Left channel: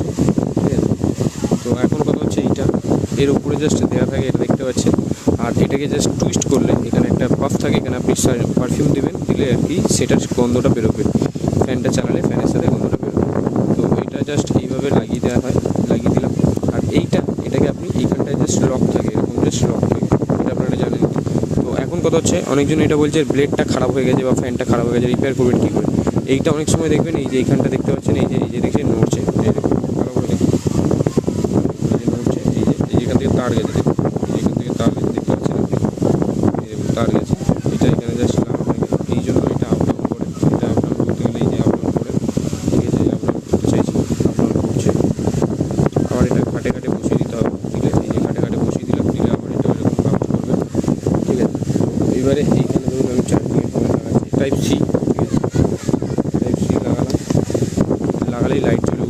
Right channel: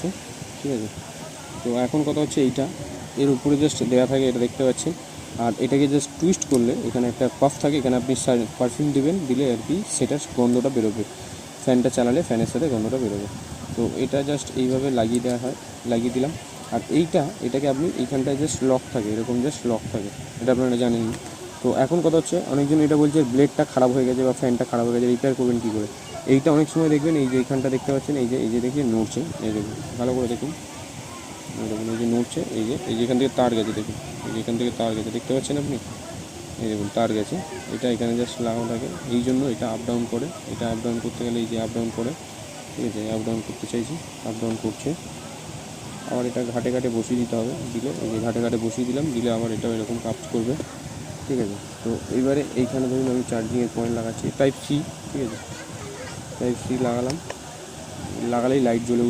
আছে, ঠিক আছে। তো এখন কথা হচ্ছে এইটা এর উপরে জাস্ট দেওয়া থাকে, এটা দেখতে পাচ্ছেন। আর এটাকে জাস্ট টুইস্ট করলে এখানে একটা পাফ থাকে, এখানে আপনি পারফিউম দেবেন, দিলে আর কি সেটার গন্ধটা বেরোবে। ফ্যানটা চালালে ফ্যানের সাথে গন্ধটা বেরোবে। তো এটা জাস্ট এইভাবে লাগিয়ে দেওয়া হয়, লাগিয়ে দিলাম। আর এটাকে আপনি এইখানটায় জাস্ট লক থাকে, এরকম জাস্ট লক থাকে, এটা আপনারা জানেন। তো এখন কথা হচ্ছে অনেকজন এটা বলছে ব্লেডটা খারাপ হয়ে গেছে বা ফ্যানটা খারাপ হয়ে গেছে, রিপেয়ার করবেন কী করে। এইটা অনেক সময় দেখবেন এই যে এইখানটা দেখতে পাচ্ছেন, এই যে দেখছেন নড়ছে, এই দেখুন ভালো করে দেখুন, নড়ছে, এখান থেকে তার গেছে, দেখুন এখান থেকে তার গেছে, দেখতে পাচ্ছেন আপনি, এই দেখুন তার গেছে। এটা এখানে জাস্ট লাগানো হয়ে গেছে, এই জন্য এটা আপ ডাউন করে, এটা আপ ডাউন করতে গেলে এই যে আপ ডাউন করে, ঠিক আছে, আপ ডাউন করতে চাইছি, আপ ডাউন করছে। আবার এটা ঘাটে ঘাটে বসিয়ে দিতে হবে, ঠিক আছে, এই ঘাটে ঘাটে বসিয়ে দিলাম, দিলে আবার এটা এরকম কাজ করবে, ঠিক আছে। এবারে এইখানে ধরুন আমি চার্জিংয়ের পয়েন্ট লাগাচ্ছি টাইপ সি, ঠিক আছে, টাইপ সি লাগালাম, লাগালেই লাইট জ্বলে